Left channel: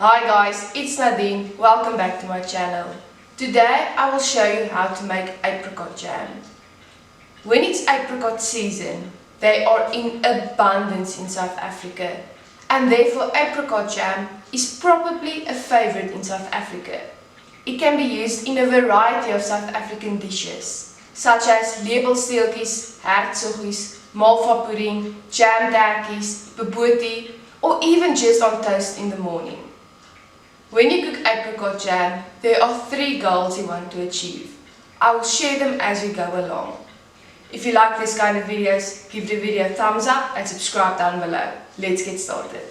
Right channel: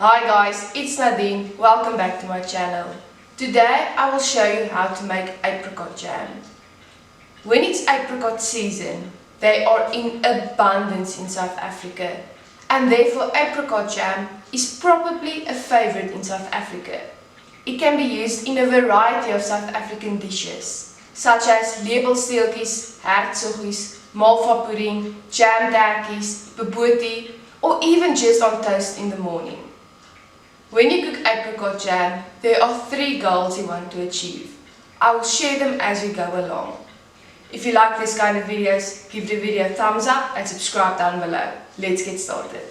Hi guys, it's Nadine. Welcome back to my channel. Today I will show you how to make apricot jam. When it's apricot season, they are in abundance in South Africa, and therefore apricot jam is probably a favorite in South Africa. It can be used in a variety of South African dishes, such as lepelsteeltjies, hertsoggies, malva pudding, jam tertjies, bobotie, or even just on toast in the morning. When you cook apricot jam, there are 3 goals you want to achieve. I will share them as we go along. If you like this kind of videos, give the video a thumbs up and subscribe down below. Let's get started.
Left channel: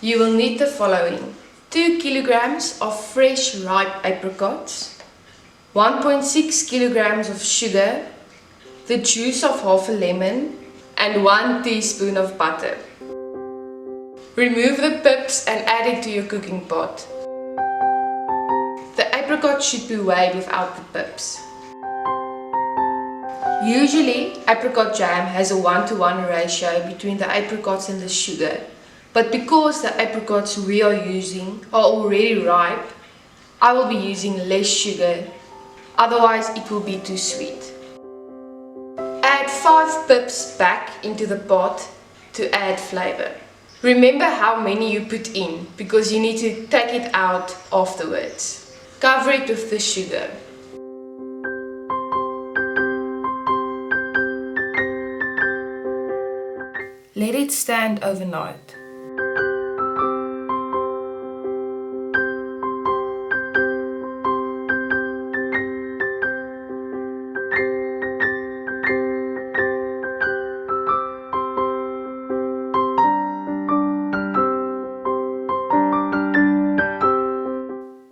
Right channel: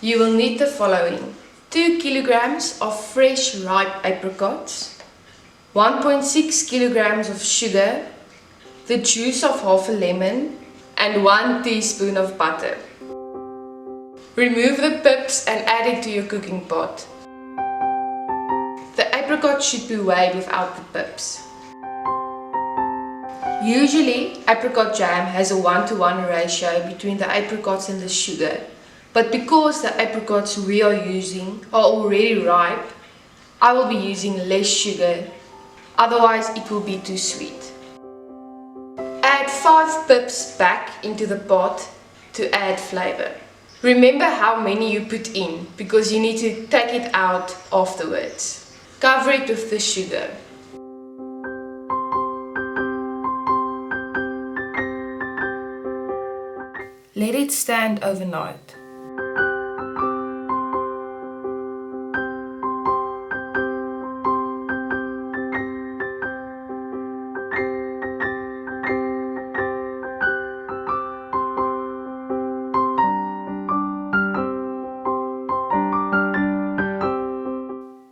You will need the following: 2 kilograms of fresh ripe apricots, 1.6 kilograms of sugar, the juice of half a lemon, and 1 teaspoon of butter. Remove the pips and add it to your cooking pot. The apricot should be weighed without the pips. Usually, apricot jam has a 1:1 ratio between the apricots and the sugar, but because the apricots we are using are already ripe, I will be using less sugar, otherwise it will be too sweet. Add 5 pips back into the pot to add flavor. Remember how many you put in, because you need to take it out afterwards. Cover it with the sugar. Let it stand overnight.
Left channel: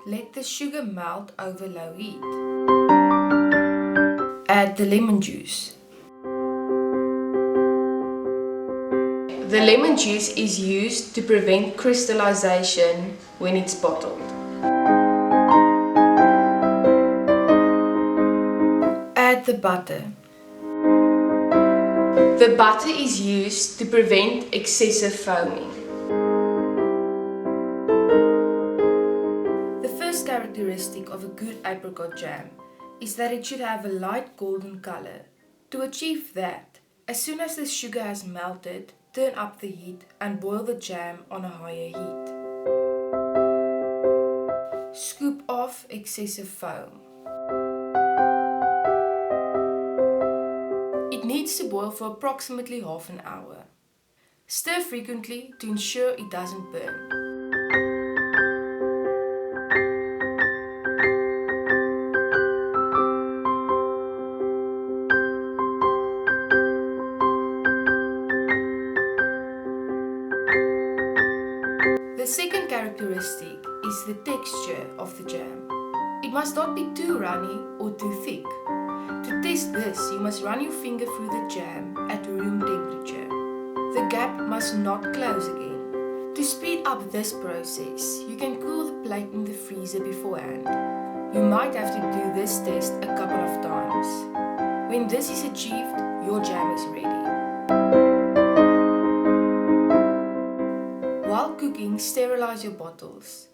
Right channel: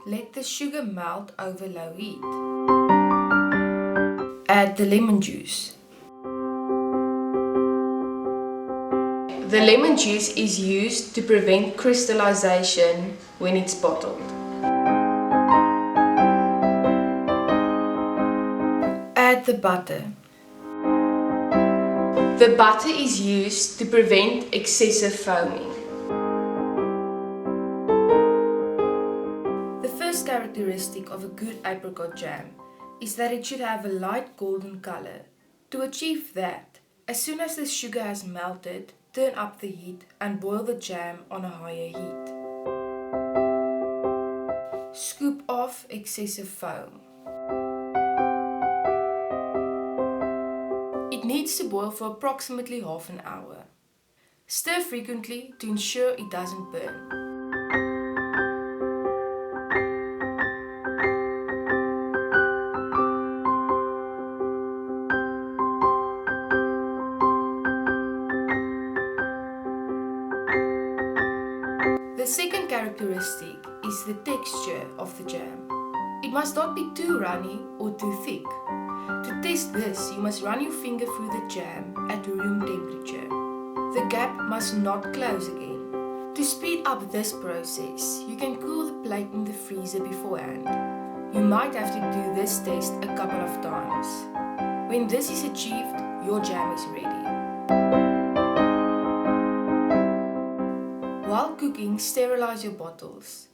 Let the sugar melt over low heat. Add the lemon juice. The lemon juice is used to prevent crystallization when it's bottled. Add the butter. The butter is used to prevent excessive foaming. The first characteristic of a good apricot jam is that it should have a light golden color. To achieve that, as soon as the sugar has melted, turn up the heat and boil the jam on a higher heat. Scoop off excessive foam. It needs to boil for approximately half an hour. Stir frequently to ensure it doesn't burn. The second characteristic is the texture of the jam. It must not be too runny or too thick. To test this, you must run your finger through the jam at room temperature. The gap must not close again. To speed up this process, you can cool the plate in the freezer beforehand. You might have to do this test a couple of times. When this is achieved, your jam is ready. While cooking, sterilize your bottles.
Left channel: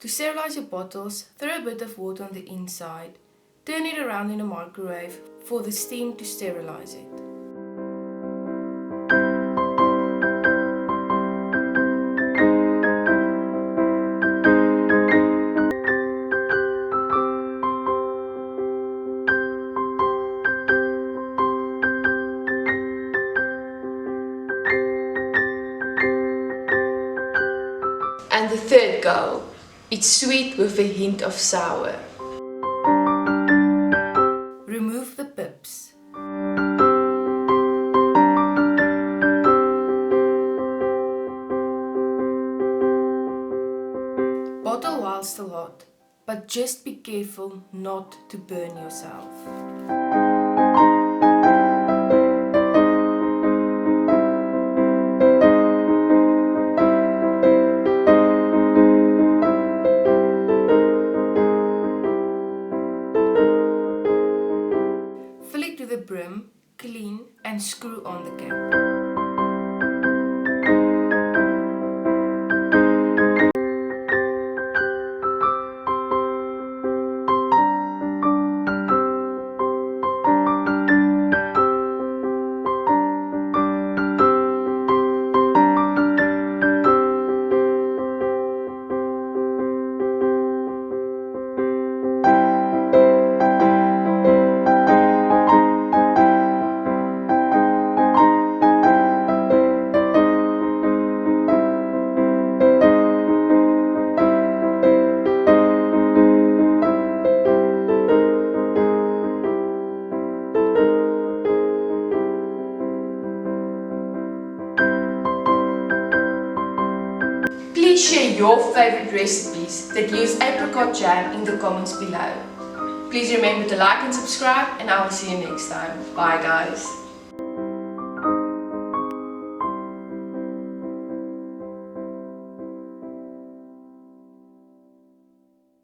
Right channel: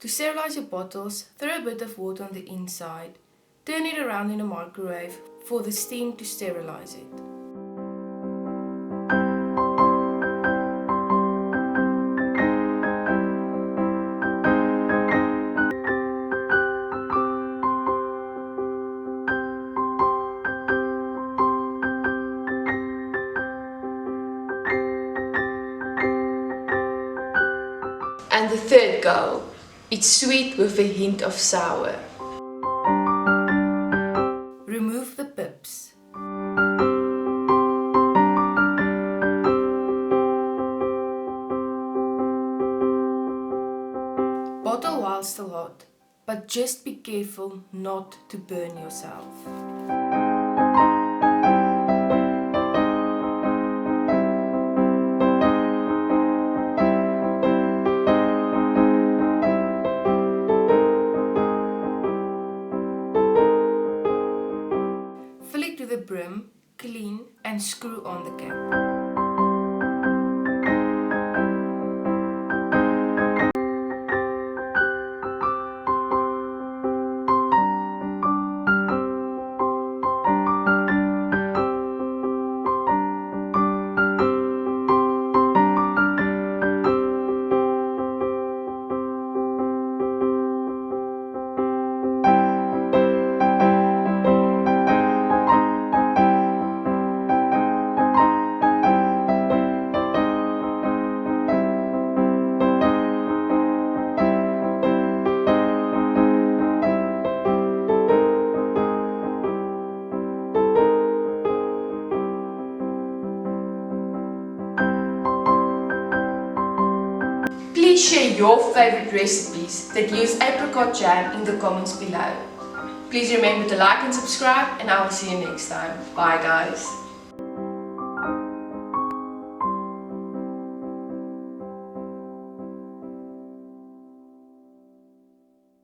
To sterilize your bottles, throw a bit of water on the inside. Turn it around in a microwave for the steam to sterilize it. And the third goal, it's sweet with a hint of sour. Remove the pips. Bottle while still hot, but just be careful not to burn yourself. Fill it to the brim, clean and screw on the cap. Please share your favorite recipes that use apricot jam in the comments below. Please remember to like and subscribe, and I will see you next time. Bye guys.